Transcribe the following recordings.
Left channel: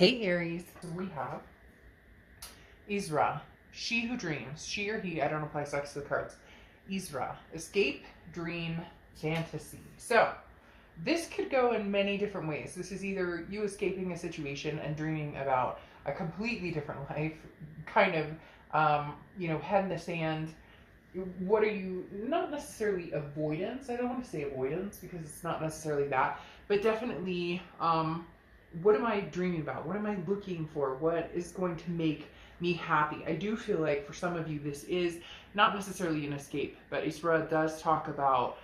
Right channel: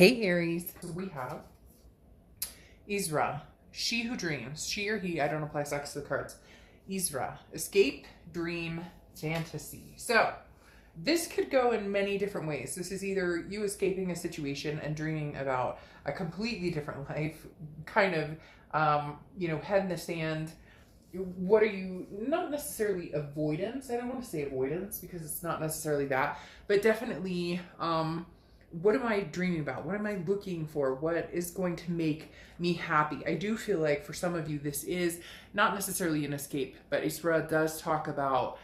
Hey Aries, we have Isra, she who dreams, she or he, I don't apply sex to the cards. Isra, escape, dream, fantasy. So, this could go in many different ways. This is either you escaping a situation and dreaming about a completely different life, kind of, head in the sand. What are you, not necessarily avoidance, I don't want to say avoidance because it's not necessarily that, but definitely, what am I dreaming about? What am I looking for? What is going to make me happy? I do feel like for some of you, this is not necessarily an escape, but Isra does talk about,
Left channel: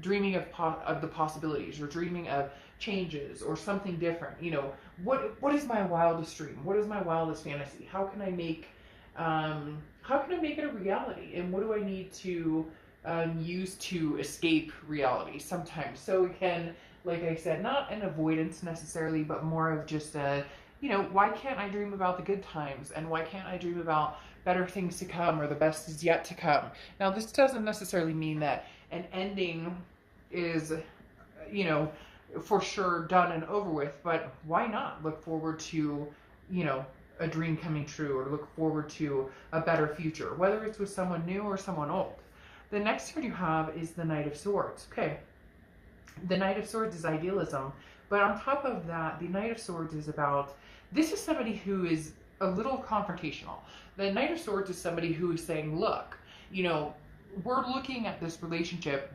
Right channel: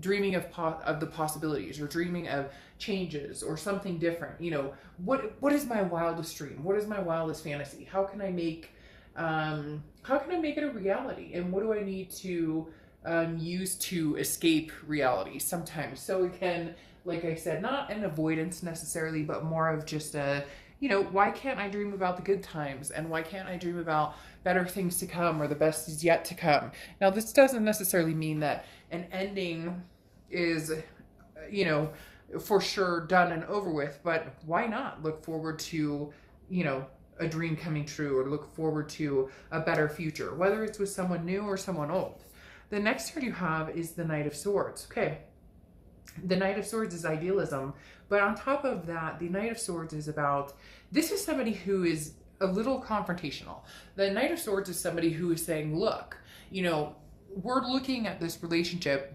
dreaming of the possibilities or dreaming of changes or something different. What is my wildest dream? What is my wildest fantasy? How can I make it a reality? And what do I need to use to escape reality sometimes? So again, like I said, not an avoidance necessarily, but more of just why can't I dream about the good times? And why can't I dream about better things to come or the best is yet to come? Now, this doesn't necessarily mean that an ending is, for sure done and over with, but why not look forward to, a dream coming true or look forward to a better future, whether it's with someone new or someone old. The next card you have is the Knight of Swords. Okay. The Knight of Swords is idealism, but on top of that, the Knight of Swords is about, this is somebody who is a little confrontational. The Knight of Swords is somebody who is saying, look, we're looking at this relationship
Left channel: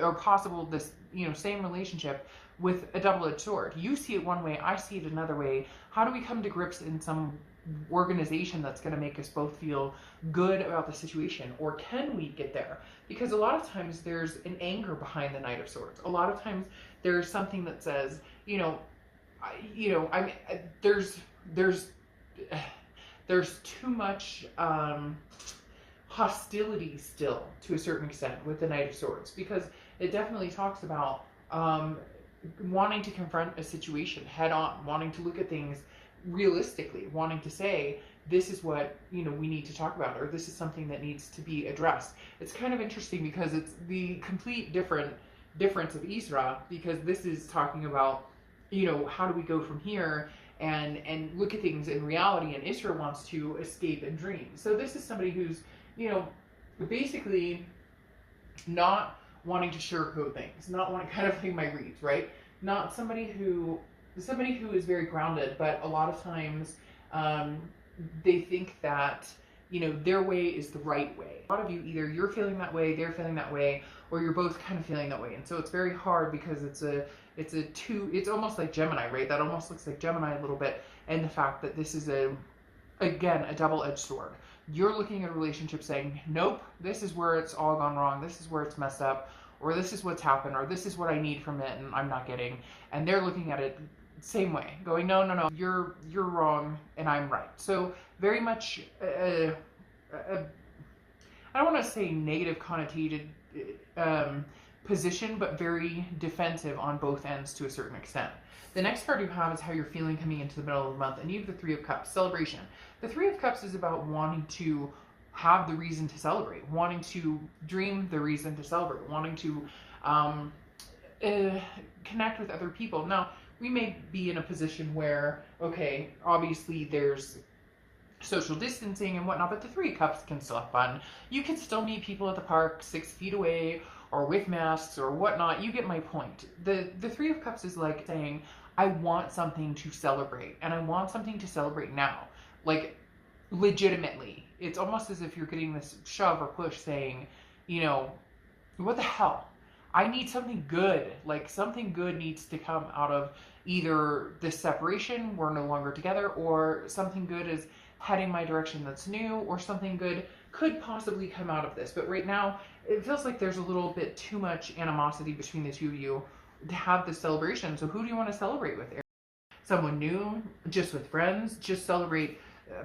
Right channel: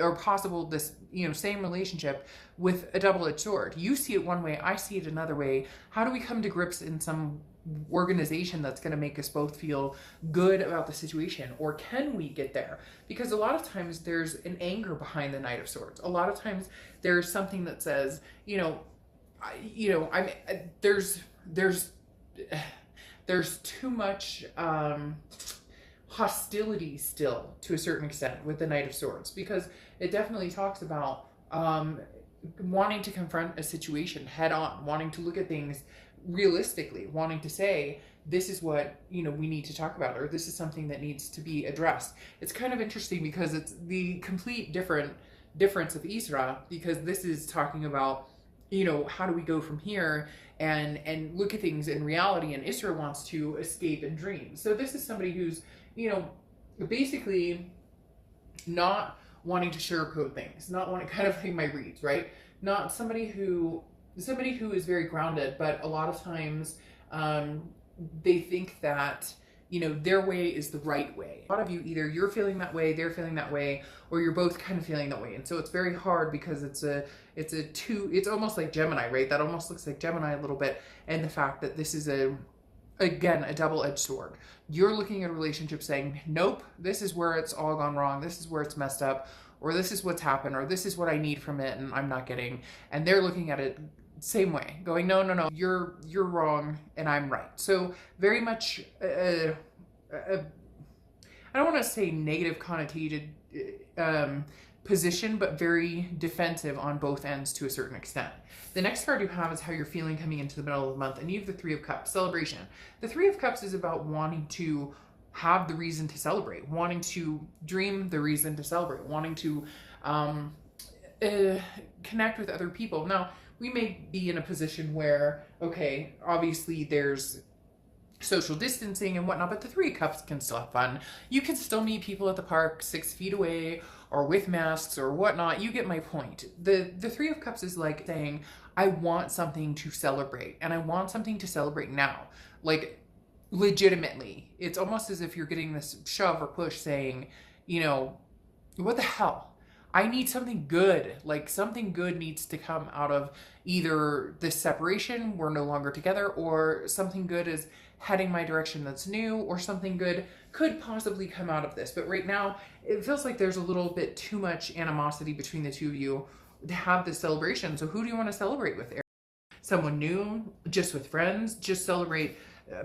or possible this, same relationship with a double-edged sword. You see it one way, I see it another way. How do we come to grips in some organization that's going to make us both feel good about the situation? Or can we get there? Because a lot of times there's an anger behind the Knight of Swords. A lot of times there's something that says, there's too much hostility still to a certain extent with the Knight of Swords, because it definitely talks about wanting to confront a situation head on, wanting to look at things realistically, wanting to say, this is what, we need to talk about, or this is something that needs to be addressed. It's kind of interesting because it's the complete difference of Isra, because this is talking about, how do we go from here and look at things in reality, and Isra wants to escape and dream. So this is somebody who's, basically not wanting to sugarcoat things, not wanting, kind of like my reads, right? Not somebody who is very grounded, but a lot of times they think that, their way is the right way. A lot of you, either you're feeling that way, they're feeling that way, or you're both kind of feeling that way. And so it's very hard because it's almost like Gemini, right? That almost looks like Gemini a little bit. And the fact that this is again, a double-edged sword. You're looking at a relationship saying, nope, this is where it's all gone wrong. This is where it's messed up, or this is what's happened, or this is what I need from it and I'm not getting. And they're looking at it same way, going, no, you're wrong and I'm right. So very much, I don't want to say negative connotated position, but very defensive on both ends to a certain extent. The next card you have is how you're feeling coming into the middle of the month, and you have the Three of Cups, celebration. The Three of Cups is about wanting to have the reason to celebrate, wanting to dream the reason to celebrate, wanting to connect with other people. Now, we may be in a position where, okay, obviously there's social distancing and whatnot, but the Three of Cups can still have fun. You can still meet people at the park 6 feet away or with masks or whatnot. You get my point. The Three of Cups is like saying, I want something to celebrate, and I want something to celebrate now. Like, legitimately. It's almost as if you're getting this shove or push saying, what the hell? I need something good. Like, something good needs to come out of either this separation, we're no longer together, or something good is heading my direction that's new, or something good could possibly come out of this. But right now, it feels like there's a little bit too much animosity between the two of you to have this celebration. So who do you want to celebrate with? Someone new, just with friends, just celebrate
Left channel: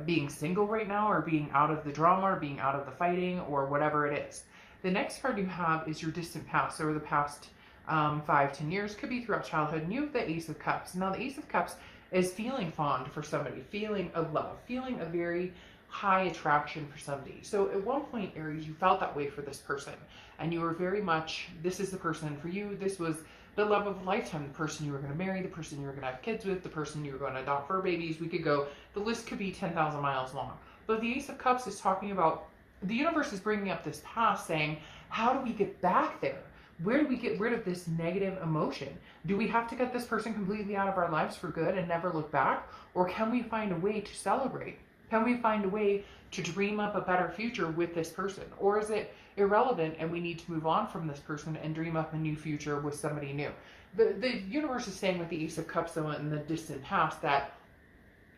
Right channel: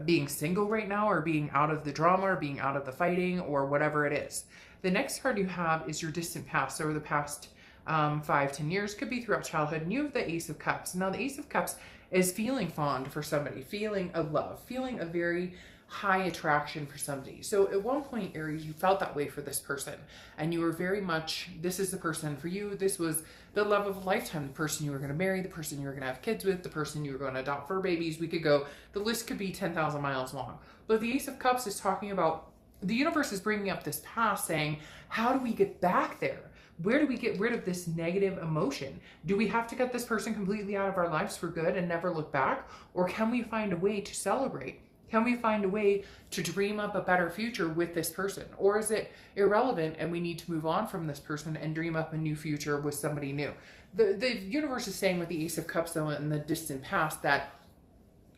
being single right now, or being out of the drama, or being out of the fighting, or whatever it is. The next card you have is your distant past, over the past 5-10 years, could be throughout childhood, and you have the Ace of Cups. Now the Ace of Cups is feeling fond for somebody, feeling a love, feeling a very high attraction for somebody. So at one point, Aries, you felt that way for this person, and you were very much, this is the person for you. This was the love of a lifetime, the person you were going to marry, the person you were going to have kids with, the person you were going to adopt fur babies. We could go, the list could be 10,000 miles long. But the Ace of Cups is talking about, the universe is bringing up this past, saying, how do we get back there? Where do we get rid of this negative emotion? Do we have to get this person completely out of our lives for good and never look back? Or can we find a way to celebrate? Can we find a way to dream up a better future with this person? Or is it irrelevant and we need to move on from this person and dream up a new future with somebody new? The universe is saying with the Ace of Cups, though, in the distant past, that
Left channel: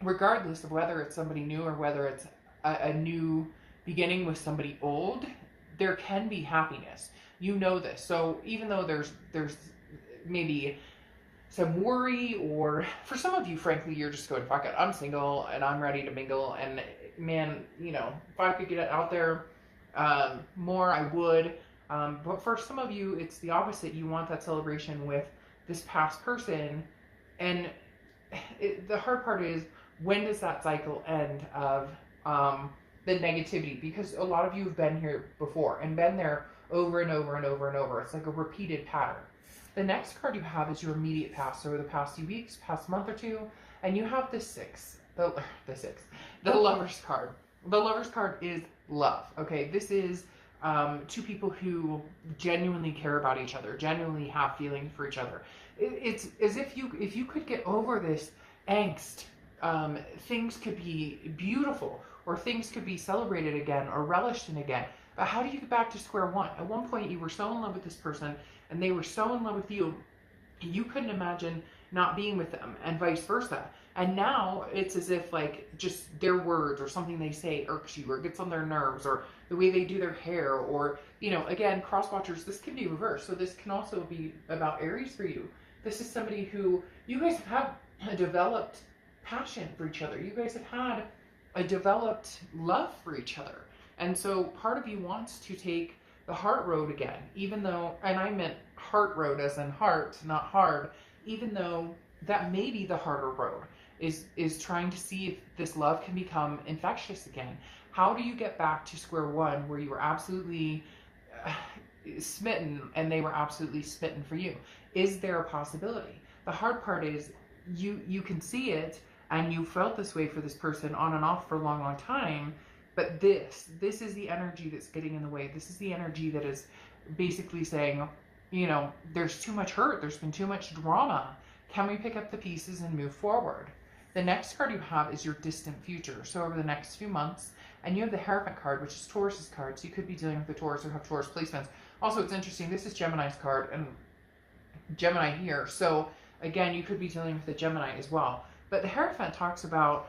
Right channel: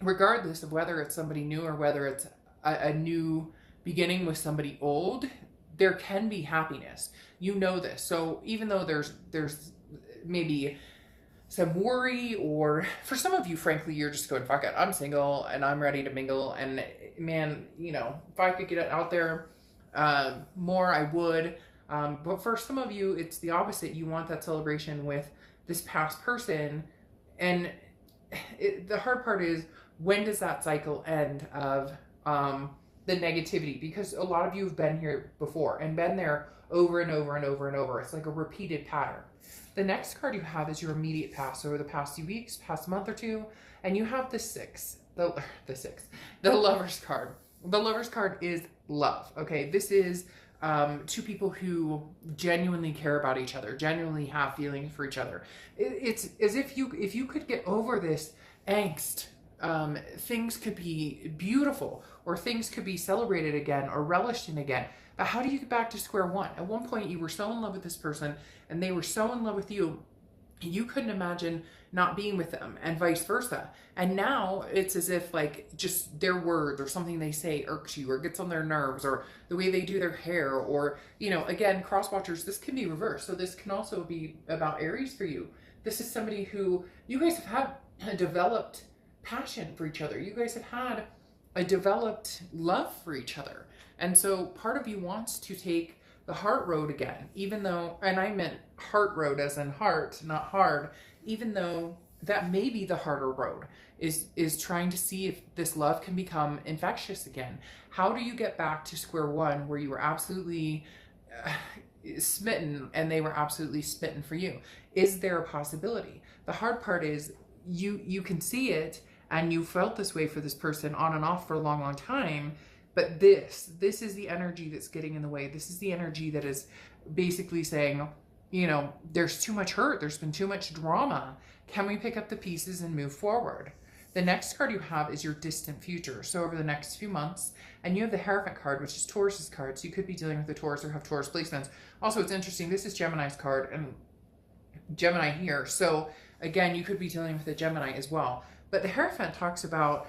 regardless of whether it's somebody new or whether it's a new beginning with somebody old, there can be happiness. You know this. So even though there's maybe some worry, or for some of you, frankly, you're just going, fuck it, I'm single and I'm ready to mingle, and man, you know, if I could get it out there more, I would. But for some of you, it's the opposite. You want that celebration with this past person, and the hard part is, when does that cycle end of the negativity? Because a lot of you have been here before and been there over and over and over and over. It's like a repeated pattern. The next card you have is your immediate past, over the past few weeks, past month or two, and you have the Lover's card. The Lover's card is love. Okay, this is two people who genuinely care about each other, genuinely have feelings for each other. It's as if you could get over this angst, things could be beautiful, or things could be celebrated again or relished in again. But how do you get back to square one? At one point, you were so in love with this person and they were so in love with you, you couldn't imagine not being with them, and vice versa. And now it's as if like just their words or something they say irks you or gets on their nerves, or the way they do their hair, or, you know, again, cross watchers, this can be reversed. So this can also be about Aries for you. This is somebody who you guys have had a developed passion for each other. You guys have had a developed love for each other. And so part of you wants to take the heart road again, even though, and I meant heart road as in heart, not hard, even though that may be the harder road, is trying to see if this love can become infectious again. How do you get back to square one where you were absolutely smitten and they were absolutely smitten for you? Is there a possibility? The hard part is you can see it, and you felt this way for this person on and off for a long, long time. But this is the energy that's getting in the way. This is the energy that is basically saying, you know, there's too much hurt. There's been too much drama. Can we pick up the pieces and move forward? The next card you have is your distant future. So over the next few months, and you have the Hierophant card, which is Taurus's card. So you could be dealing with the Taurus or have Taurus placements. Also, it's interesting. This is Gemini's card and Gemini here. So again, you could be dealing with the Gemini as well. But the Hierophant talks about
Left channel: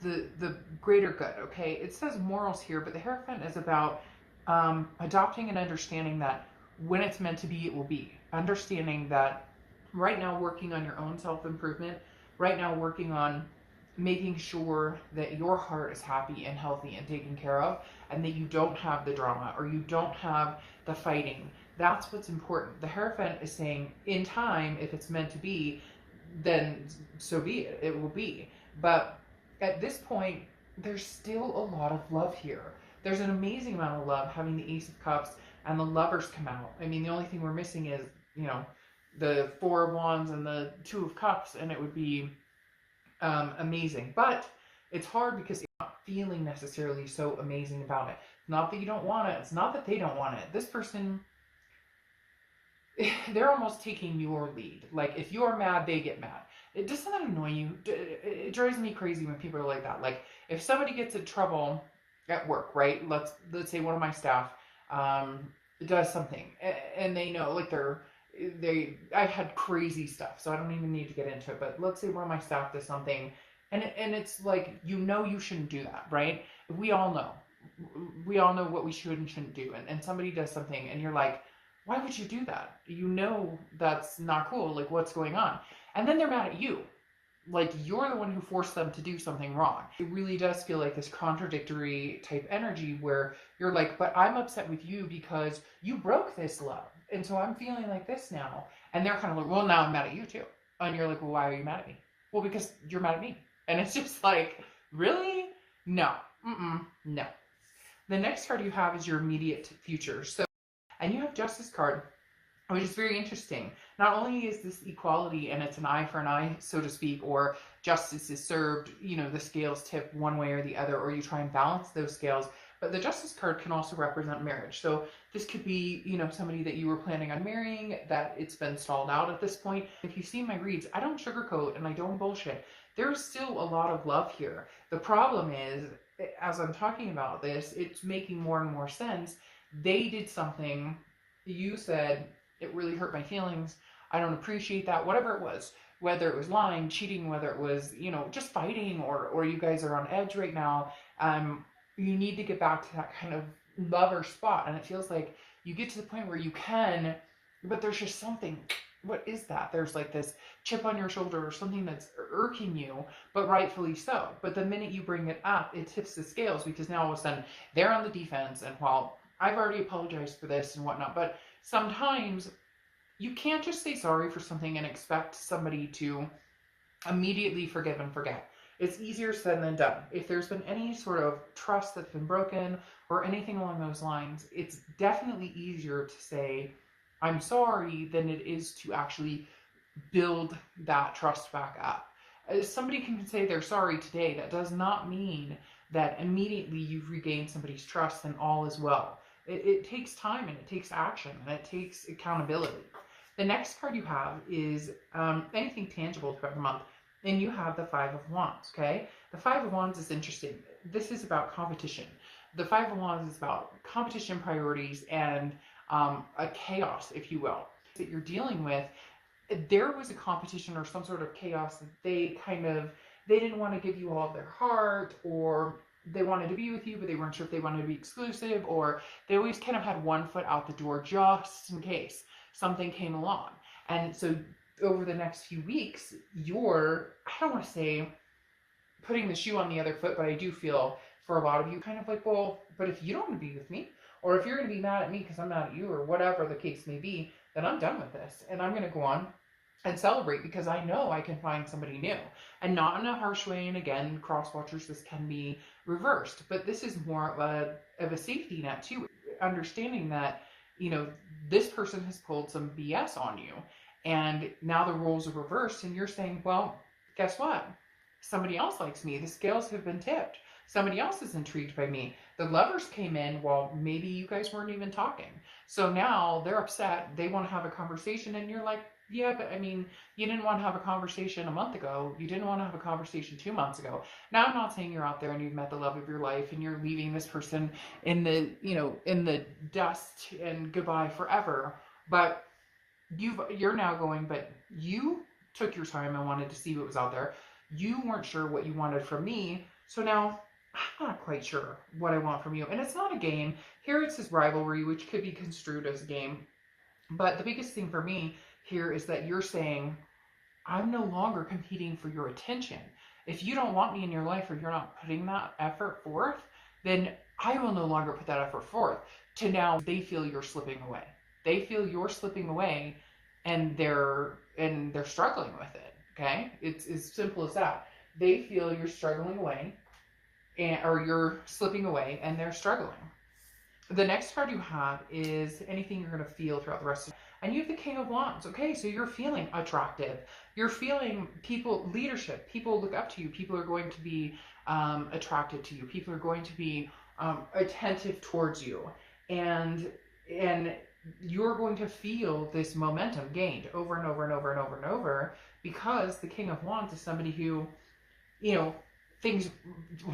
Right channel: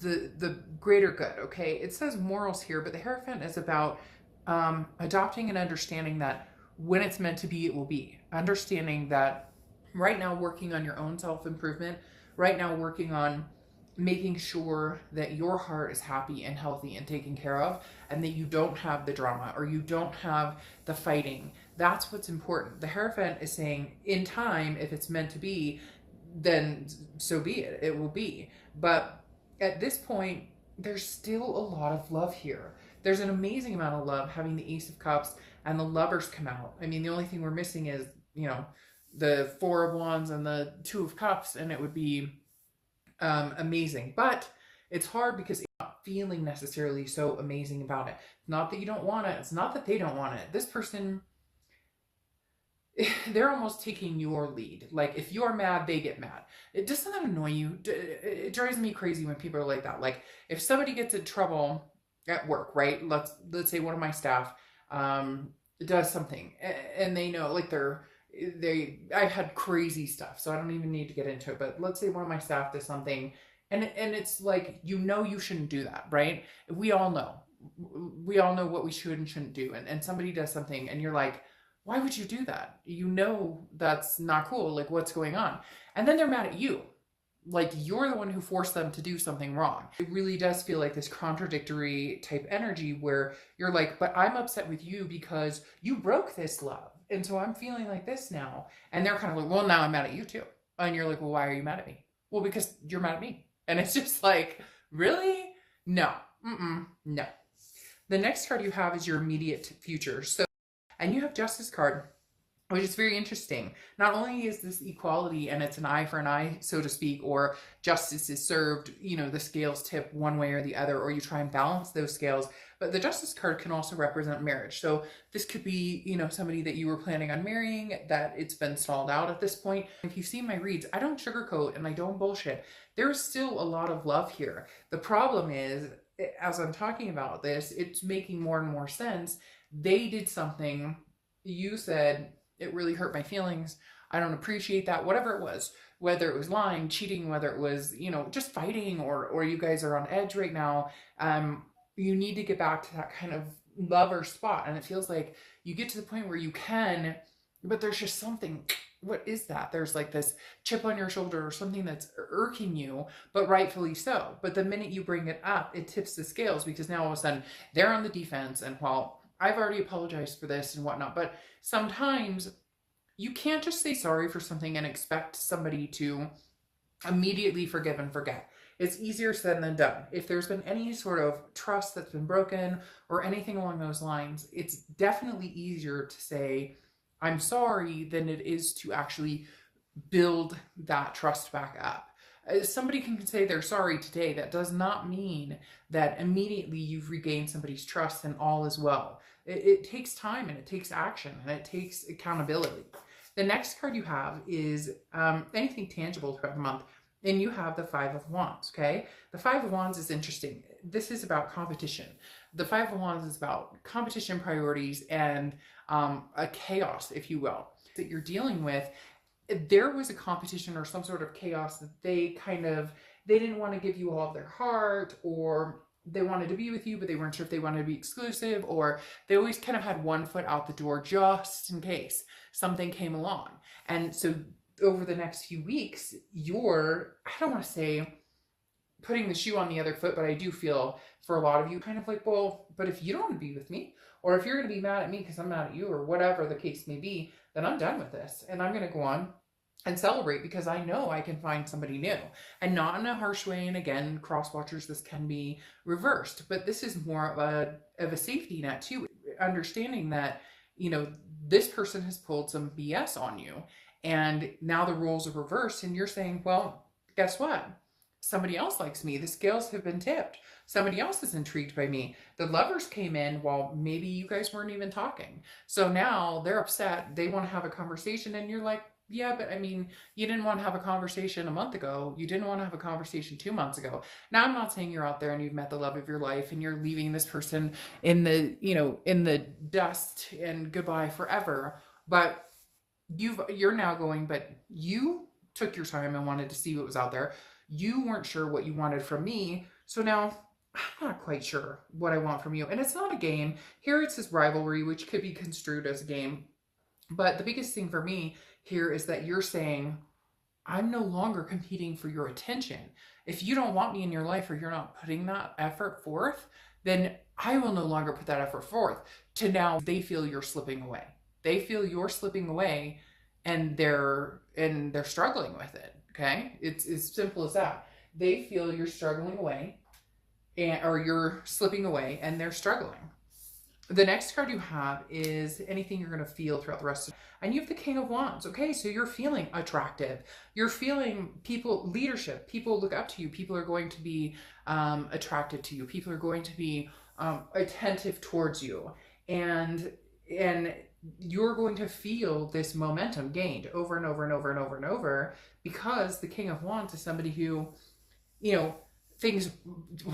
the greater good, okay? It says morals here, but the Hierophant is about adopting and understanding that when it's meant to be, it will be. Understanding that right now, working on your own self-improvement, right now working on making sure that your heart is happy and healthy and taken care of, and that you don't have the drama or you don't have the fighting. That's what's important. The Hierophant is saying, in time, if it's meant to be, then so be it. It will be. But at this point, there's still a lot of love here. There's an amazing amount of love having the Ace of Cups and the Lovers come out. I mean, the only thing we're missing is, you know, the Four of Wands and the Two of Cups, and it would be amazing. But it's hard because you're not feeling necessarily so amazing about it. Not that you don't want it. It's not that they don't want it. This person, they're almost taking your lead. Like, if you're mad, they get mad. Doesn't that annoy you? It drives me crazy when people are like that. Like, if somebody gets in trouble at work, right? Let's say one of my staff does something, and they know, like, I've had crazy stuff, so I don't even need to get into it. But let's say one of my staff does something, and it's like, you know, you shouldn't do that, right? We all know what we should and shouldn't do. And somebody does something, and you're like, why would you do that? You know that's not cool. Like, what's going on? And then they're mad at you. Like, you're the one who forced them to do something wrong. It really does feel like this contradictory type energy where you're like, but I'm upset with you because you broke this love. And so I'm feeling like this now. And they're kind of like, well, now I'm mad at you too. And you're like, well, why are you mad at me? Well, because you're mad at me. And it's just like, really? No. No. The next card you have is your immediate future. So, and you have Justice card. which is very interesting. Not only is this equality and it's an eye for an eye, so to speak, or justice is served, you know, the scales tip one way or the other, or you try and balance those scales, but the justice card can also represent marriage. So this could be, you know, somebody that you were planning on marrying that it's been stalled out at this point. If you've seen my reads, I don't sugarcoat and I don't bullshit. There's still a lot of love here. The problem is, as I'm talking about this, it's making more and more sense. They did something, you said, it really hurt my feelings. I don't appreciate that. Whatever it was, whether it was lying, cheating, whether it was, you know, just fighting, or you guys are on edge right now. You need to get back to that kind of lover spot. And it feels like you get to the point where you can, but there's just something. What is that? There's like this chip on your shoulder or something that's irking you, but rightfully so. But the minute you bring it up, it tips the scales, because now all of a sudden they're on the defense. And while I've already apologized for this and whatnot, but sometimes you can't just say sorry for something and expect somebody to immediately forgive and forget. It's easier said than done. If there's been any sort of trust that's been broken or anything along those lines, it's definitely easier to say, I'm sorry, than it is to actually build that trust back up. Somebody can say they're sorry today. That does not mean that immediately you've regained somebody's trust and all is well. It takes time and it takes action and it takes accountability. The next card you have is anything tangible throughout the month. Then you have the Five of Wands, okay? The Five of Wands is interesting. This is about competition. The Five of Wands is about competition, priorities, and a chaos, if you will, that you're dealing with. There was a competition or some sort of chaos that they didn't want to give you all of their heart, or they wanted to be with you, but they weren't sure if they wanted to be exclusive, or they always kind of had one foot out the door just in case something came along. And so over the next few weeks, you're, I don't want to say putting the shoe on the other foot, but I do feel for a lot of you kind of like, well, but if you don't want to be with me, or if you're going to be mad at me because I'm mad at you, or whatever the case may be, then I'm done with this. And I'm going to go on and celebrate because I know I can find somebody new, and not in a harsh way. And again, cross watchers, this can be reversed, but this is more of a safety net too. Understanding that, you know, this person has pulled some BS on you, and now the roles are reversed, and you're saying, well, guess what? Somebody else likes me. The scales have been tipped. Somebody else is intrigued by me. The lovers came in while maybe you guys weren't even talking. So now they're upset. They want to have a conversation, and you're like, yeah, but I mean, you didn't want to have a conversation a month ago. You didn't want to have a conversation 2 months ago. Now, I'm not saying you're out there and you've met the love of your life and you're leaving this person in the, you know, in the dust and goodbye forever. But you're now going, but you took your time and wanted to see what was out there. You weren't sure what you wanted from me. So now I'm not quite sure what I want from you. And it's not a game. Here it's this rivalry, which could be construed as a game. But the biggest thing for me here is that you're saying, I'm no longer competing for your attention. If you don't want me in your life, or you're not putting that effort forth, then I will no longer put that effort forth. To now they feel you're slipping away. They feel you're slipping away, and they're struggling with it. Okay? It's as simple as that. They feel you're struggling away, or you're slipping away, and they're struggling. The next card you have is anything you're going to feel throughout the rest of, and you have the King of Wands. Okay, so you're feeling attractive. You're feeling people, leadership. People look up to you. People are going to be attracted to you. People are going to be attentive towards you, and you're going to feel this momentum gained over and over and over and over and over, because the King of Wands is somebody who, you know, things,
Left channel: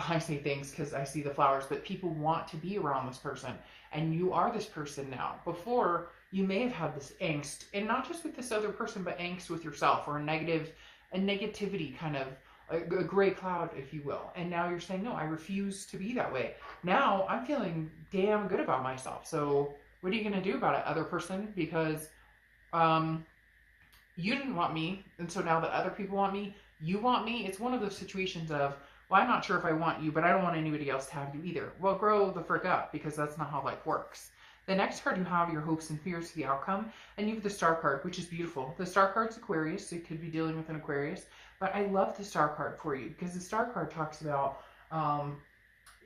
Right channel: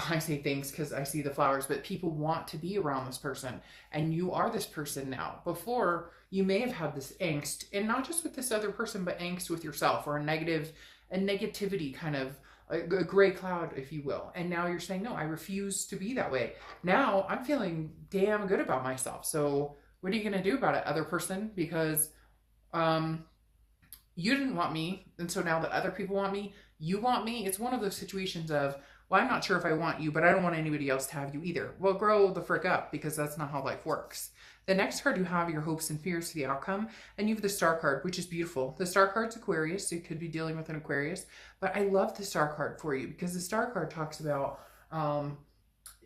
I say things because I see the flowers, but people want to be around this person, and you are this person now. Before, you may have had this angst, and not just with this other person, but angst with yourself, or a negativity kind of, a gray cloud, if you will. And now you're saying, no, I refuse to be that way. Now I'm feeling damn good about myself. So what are you going to do about it, other person? Because you didn't want me, and so now that other people want me, you want me. It's one of those situations of, well, I'm not sure if I want you, but I don't want anybody else to have you either. Well, grow the frick up, because that's not how life works. The next card you have your hopes and fears to the outcome, and you have the Star card, which is beautiful. The Star card's Aquarius, so you could be dealing with an Aquarius, but I love the Star card for you, because the Star card talks about,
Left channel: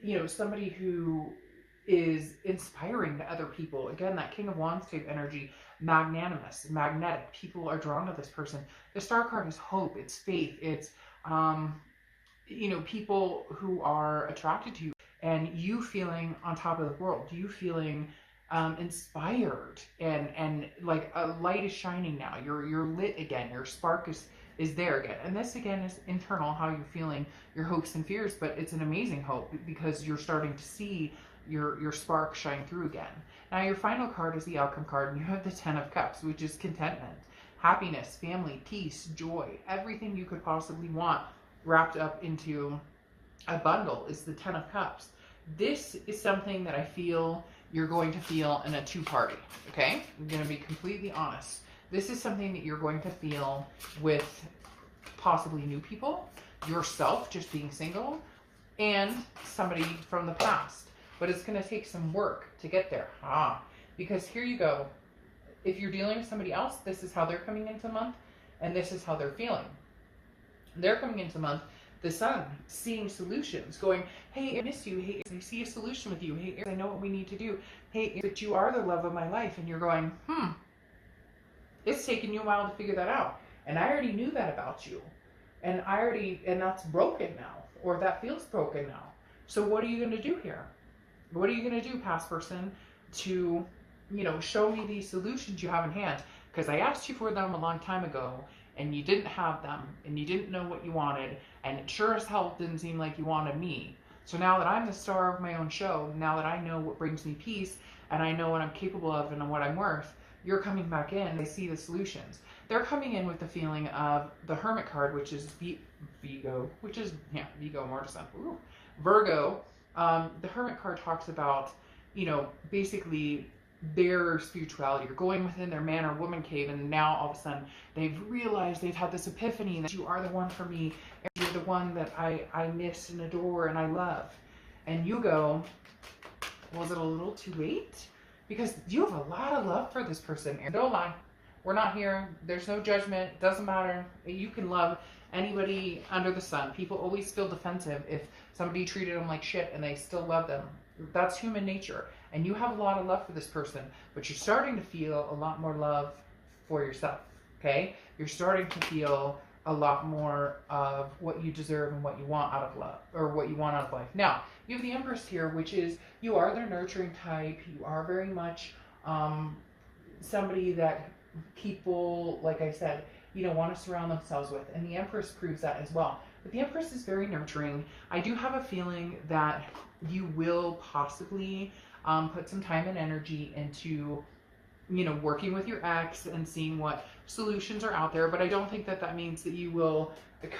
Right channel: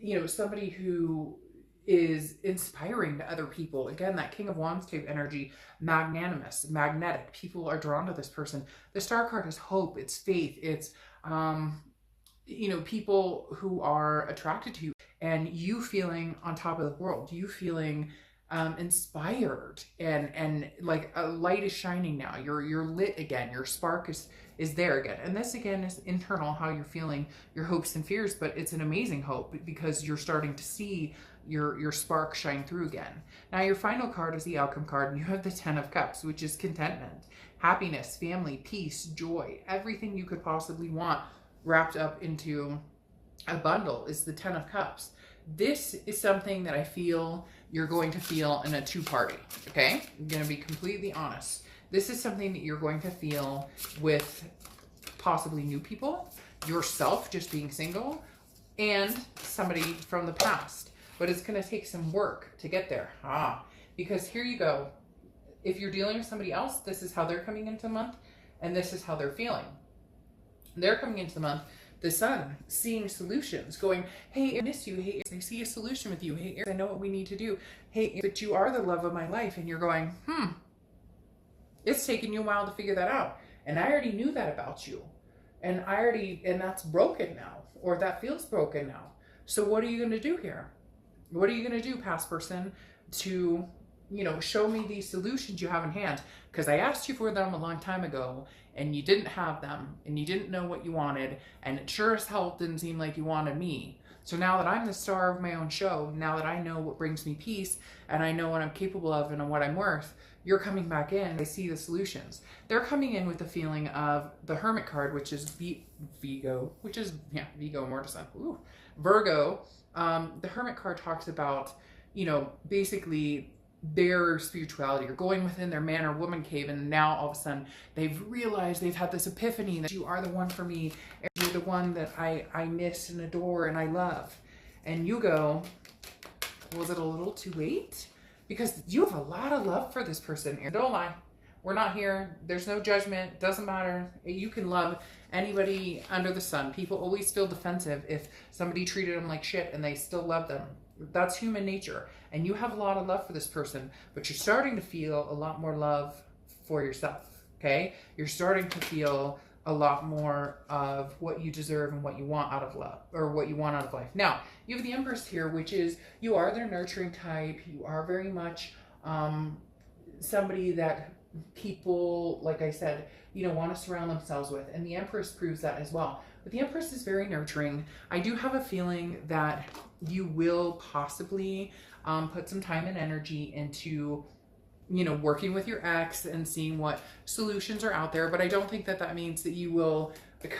you know, somebody who is inspiring to other people. Again, that King of Wands type energy, magnanimous, magnetic. People are drawn to this person. The Star card is hope, it's faith, it's people who are attracted to you, and you feeling on top of the world, you feeling inspired, and like a light is shining now. You're lit again. Your spark is there again. And this again is internal, how you're feeling, your hopes and fears, but it's an amazing hope because you're starting to see your spark shine through again. Now your final card is the Outcome card, and you have the Ten of Cups, which is contentment, happiness, family, peace, joy, everything you could possibly want wrapped up into a bundle is the Ten of Cups. This is something that I feel you're going to feel in a two-party, okay? I'm going to be completely honest. This is something that you're going to feel with possibly new people, yourself just being single, and somebody from the past. But it's going to take some work to get there. Because here you go. If you're dealing with somebody else, this is how they're coming into the month, and this is how they're feeling. They're coming into the month, the Sun, seeing solutions, going, hey, I miss you. Hey, I see a solution with you. Hey, Aries, I know what we need to do. Hey, but you are the love of my life. And you're going, it's taken you a while to figure that out. And I already knew that about you. And that's broken now, or that feels broken now. So what are you going to do here? What are you going to do, past person, to, show me these solutions you have in hand? Because I asked you for them a long time ago, and you didn't have them, and you didn't know what you wanted, and it sure as hell didn't seem like you wanted me. So now that I'm the star of my own show, now that I know what brings me peace, and I know what I'm capable of and what I'm worth, you're coming back in. I see the solutions. They're coming in with the feeling of the Hermit card, which is Vigo, Vigo, more to Virgo. The Hermit card talks about, basically their spirituality, or going within their man or woman cave, and now all of a sudden they've realized, they've had this epiphany that you are the one for me, you're the one that I miss and adore and I love. And you go, was it a little too late? Because you have a lot of love for this person. Don't lie, we're not here, there's no judgment, doesn't matter. You can love anybody under the sun. People always feel defensive if somebody treated them like shit and they still love them. That's human nature. And you have a lot of love for this person, but you're starting to feel a lot more love for yourself, okay? You're starting to feel a lot more of what you deserve and what you want out of love, or what you want out of life. Now, you have the Empress here, which is, you are their nurturing type. You are very much somebody that people, like I said, want to surround themselves with. And the Empress proves that as well. But the Empress is very nurturing. I do have a feeling that you will possibly put some time and energy into, working with your ex and seeing what solutions are out there. But I don't think that means that you will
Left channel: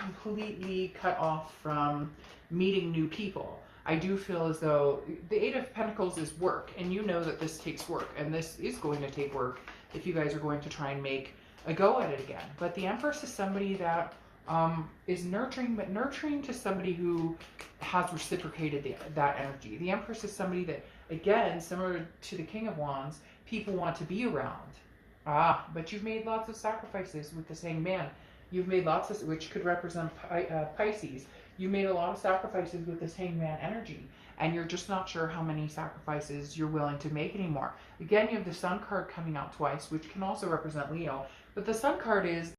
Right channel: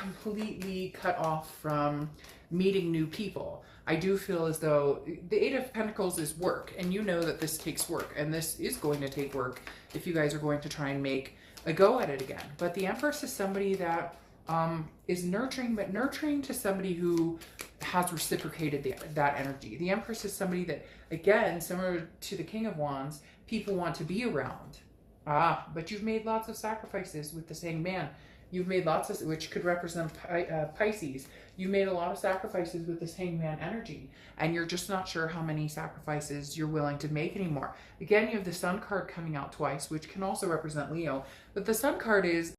completely cut off from meeting new people. I do feel as though the Eight of Pentacles is work, and you know that this takes work, and this is going to take work if you guys are going to try and make a go at it again. But the Empress is somebody that is nurturing, but nurturing to somebody who has reciprocated that energy. The Empress is somebody that, again, similar to the King of Wands, people want to be around. But you've made lots of sacrifices with the same man. You've made lots of, which could represent Pisces. You made a lot of sacrifices with this Hangman energy, and you're just not sure how many sacrifices you're willing to make anymore. Again, you have the Sun card coming out twice, which can also represent Leo. But the Sun card is,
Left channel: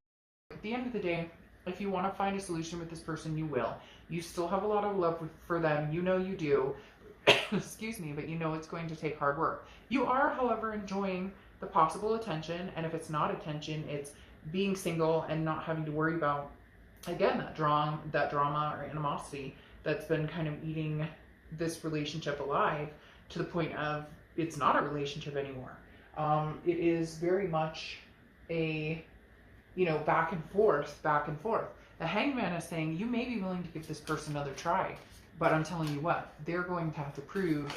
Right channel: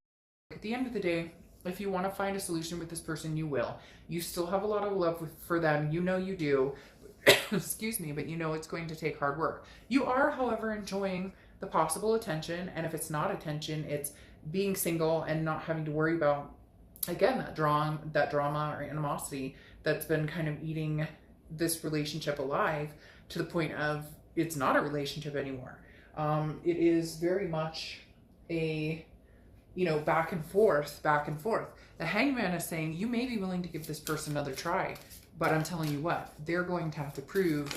at the end of the day, if you want to find a solution with this person, you will. You still have a lot of love for them. You know you do. Excuse me, but you know it's going to take hard work. You are, however, enjoying the possible attention, and if it's not attention, it's being single and not having to worry about, again, that drama or animosity that's been kind of eating this relationship alive to the point of it's not a relationship anymore. It is very much a, back and forth. The Hangman is saying you may be willing to give this person another try, but I'm telling you what, they're going to have to prove,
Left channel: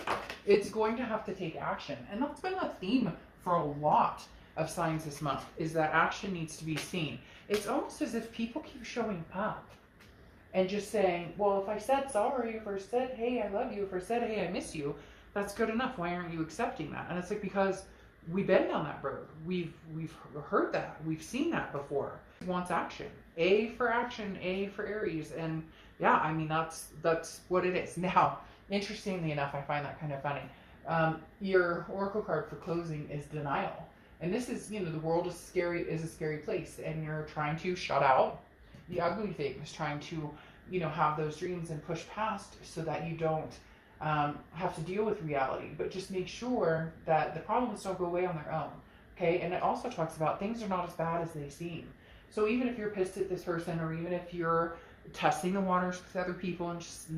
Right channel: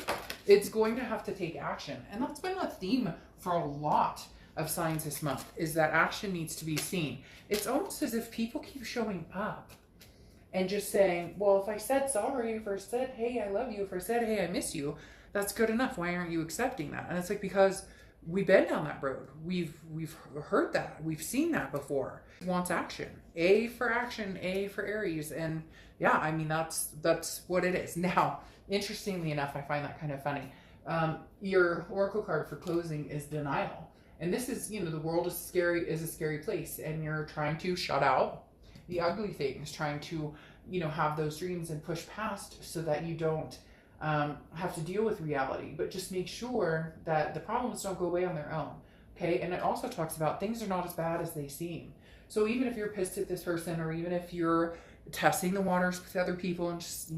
it's going to have to take action. And that's been a theme for a lot of signs this month, is that action needs to be seen. It's almost as if people keep showing up and just saying, well, if I said sorry, if I said, hey, I love you, if I said, hey, I miss you, that's good enough. Why aren't you accepting that? And it's like, because we've been down that road. We've heard that. We've seen that before. He wants action. A for action, A for Aries. And yeah, I mean, that's what it is. Now, interestingly enough, I find that kind of funny. Your oracle card for closing is denial. And this is, the world is a scary place, and you're trying to shut out the ugly things, trying to, have those dreams and push past so that you don't have to deal with reality. But just make sure that the problems don't go away on their own. Okay. And it also talks about things are not as bad as they seem. So even if you're pissed at this person, or even if you're testing the waters with other people and just,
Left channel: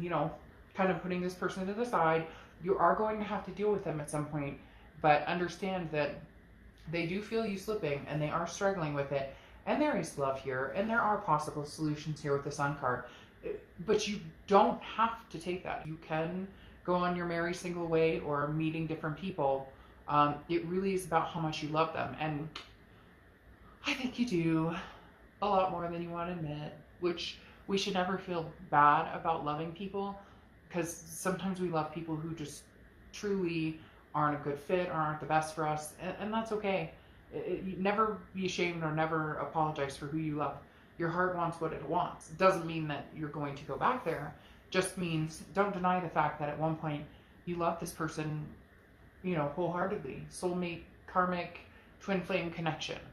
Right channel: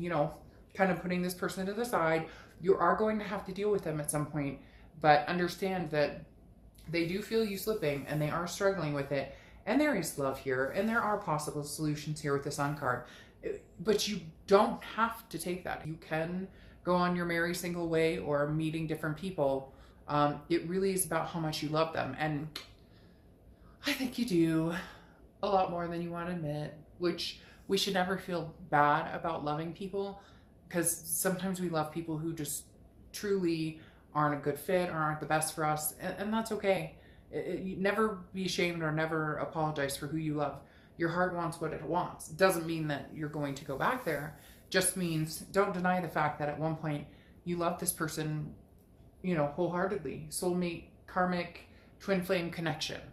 kind of putting this person to the side, you are going to have to deal with them at some point. But understand that they do feel you slipping, and they are struggling with it. And there is love here, and there are possible solutions here with the Sun card. But you don't have to take that. You can go on your merry single way, or meeting different people. It really is about how much you love them. And I think you do a lot more than you want to admit, which we should never feel bad about loving people, because sometimes we love people who just truly aren't a good fit or aren't the best for us, and that's okay. You never be ashamed or never apologize for who you love. Your heart wants what it wants. It doesn't mean that you're going to go back there. Just means don't deny the fact that at one point you love this person, wholeheartedly. Soulmate, karmic, twin flame connection.